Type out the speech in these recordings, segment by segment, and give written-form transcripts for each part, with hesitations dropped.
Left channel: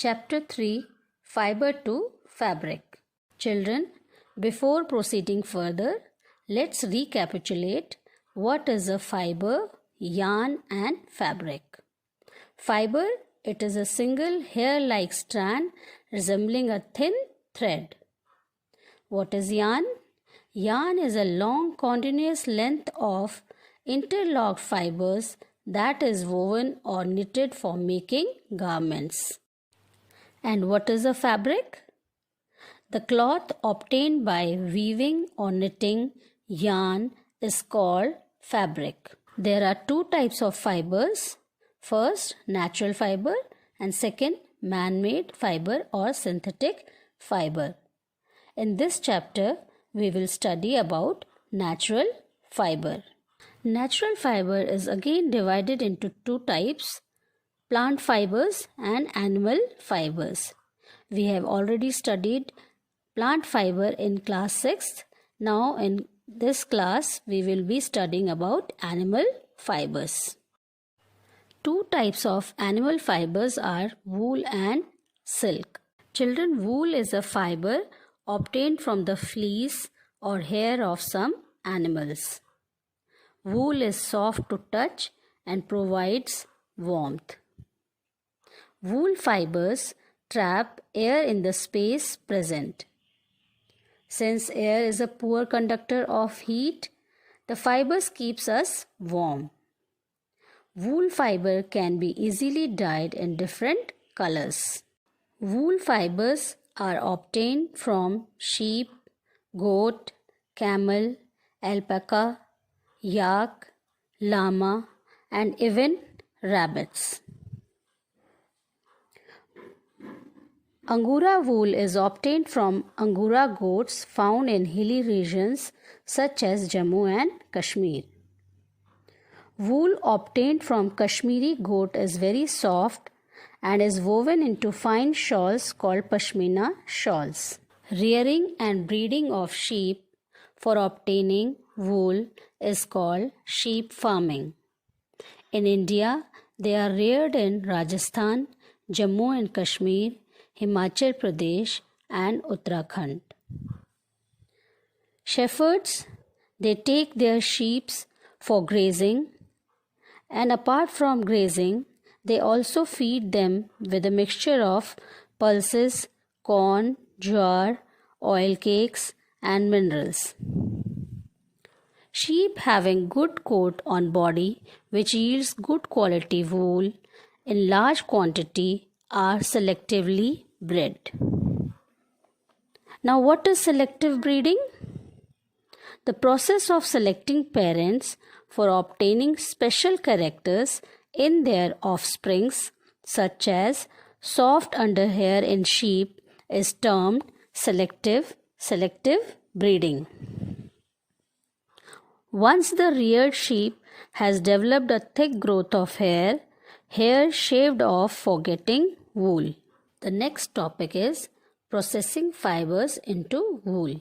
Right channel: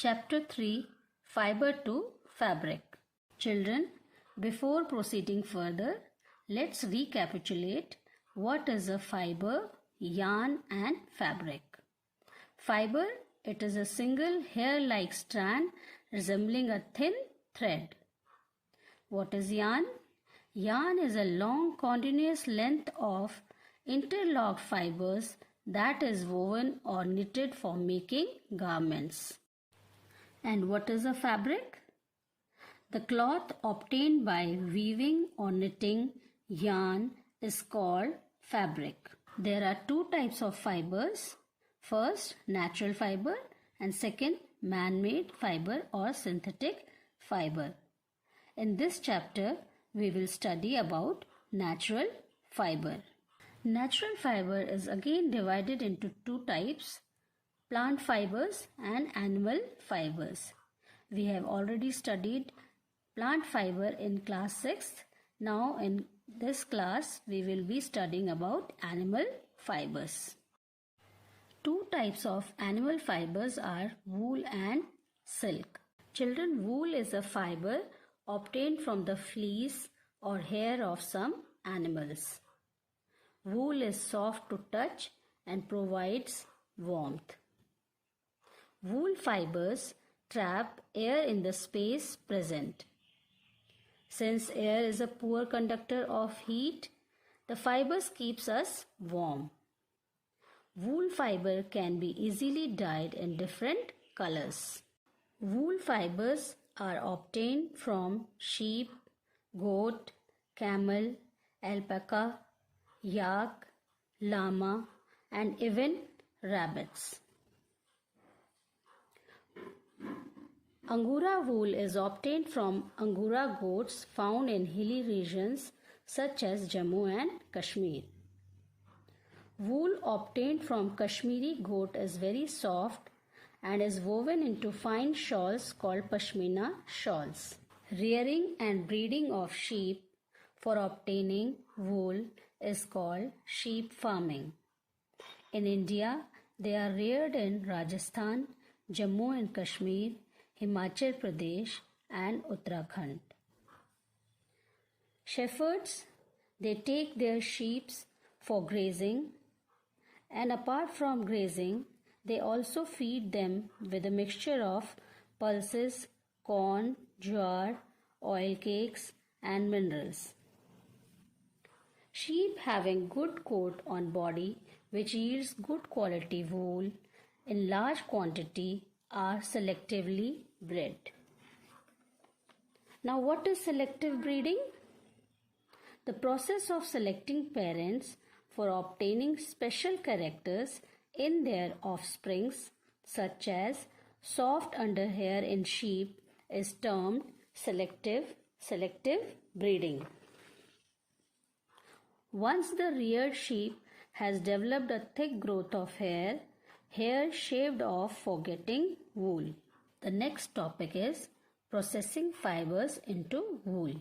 Chapter 3 Fiber to Fabric. Children, before proceeding further, let's recapitulate what is a fiber, yarn, and fabric. Fiber, it is a single hair-like strand resembling a thin thread. What is yarn? Yarn is a long continuous length of interlocked fibers that is woven or knitted for making garments. And what is a fabric? The cloth obtained by weaving or knitting yarn is called fabric. There are two types of fibers. First, natural fiber, and second, man-made fiber or synthetic fiber. In this chapter, we will study about natural fiber. Natural fiber is again divided into two types, plant fibers and animal fibers. We have already studied plant fiber in class 6th. Now in this class, we will be studying about animal fibers. Two types of animal fibers are wool and silk. Children, wool is a fiber obtained from the fleece or hair of some animals. Wool is soft to touch and provides warmth. Wool fibers trap air in the space present. Since air is a poor conductor of heat, the fibers keeps us warm. Wool fiber can be easily dyed in different colors. Wool fibers are obtained from sheep, goat, camel, alpaca, yak, llama, and even rabbits. Angora wool is obtained from Angora goats found in hilly regions such as Jammu and Kashmir. Wool obtained from Kashmiri goat is very soft and is woven into fine shawls called pashmina shawls. Rearing and breeding of sheep for obtaining wool is called sheep farming. In India, they are reared in Rajasthan, Jammu and Kashmir, Himachal Pradesh and Uttarakhand. Shepherds, they take their sheep for grazing, and apart from grazing, they also feed them with a mixture of pulses, corn, jowar, oil cakes and minerals. Sheep having good coat on body which yields good quality wool in large quantity are selectively bred. Now, what is selective breeding? The process of selecting parents for obtaining special characters in their offsprings, such as soft underhair in sheep, is termed selective breeding. Once the reared sheep has developed a thick growth of hair shaved off for getting wool. The next topic is processing fibers into wool.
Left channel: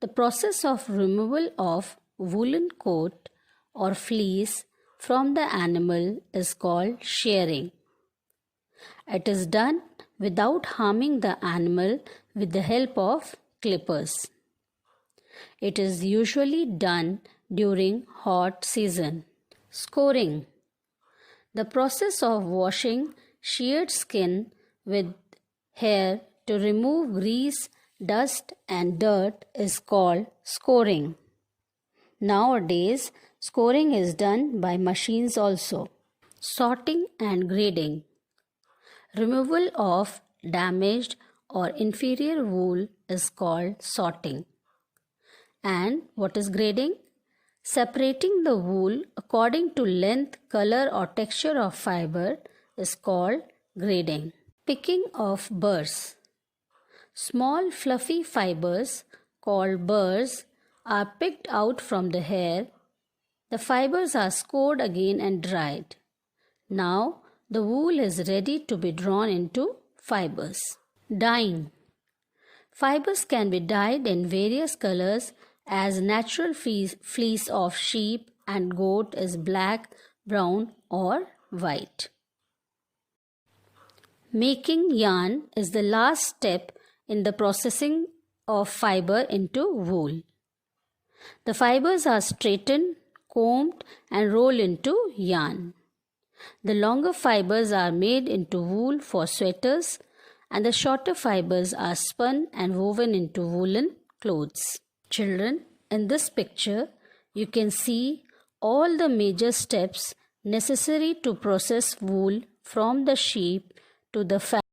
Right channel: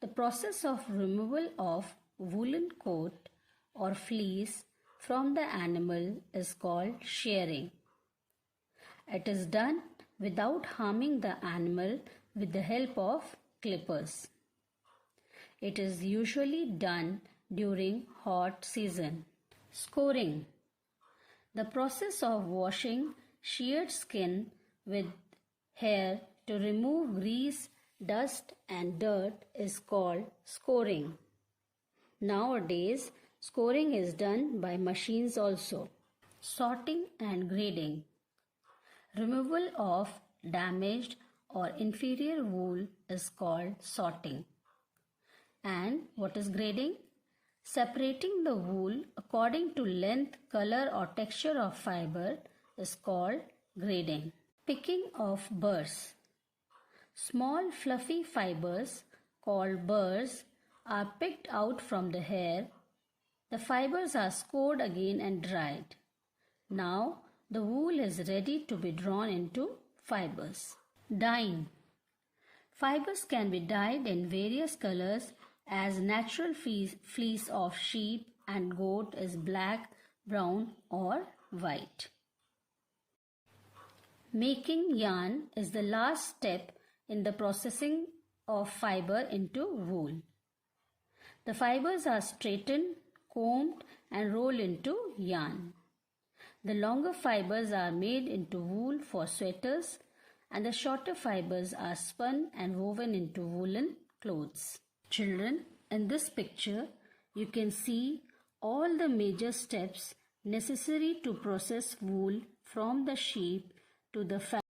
The process of removal of woolen coat or fleece from the animal is called shearing. It is done without harming the animal with the help of clippers. It is usually done during hot season. Scoring. The process of washing sheared skin with hair to remove grease, dust and dirt is called scoring. Nowadays, scoring is done by machines also. Sorting and grading. Removal of damaged or inferior wool is called sorting. And what is grading? Separating the wool according to length, color or texture of fiber is called grading. Picking of burrs. Small fluffy fibers called burrs are picked out from the hair. The fibers are scored again and dried. Now the wool is ready to be drawn into fibers. Dyeing. Fibers can be dyed in various colors as natural fleece of sheep and goat is black, brown or white. Making yarn is the last step in the processing of fiber into wool. The fibers are straightened, combed, and rolled into yarn. The longer fibers are made into wool for sweaters, and the shorter fibers are spun and woven into woolen clothes. Children, in this picture, you can see all the major steps necessary to process wool from the sheep to the fabric.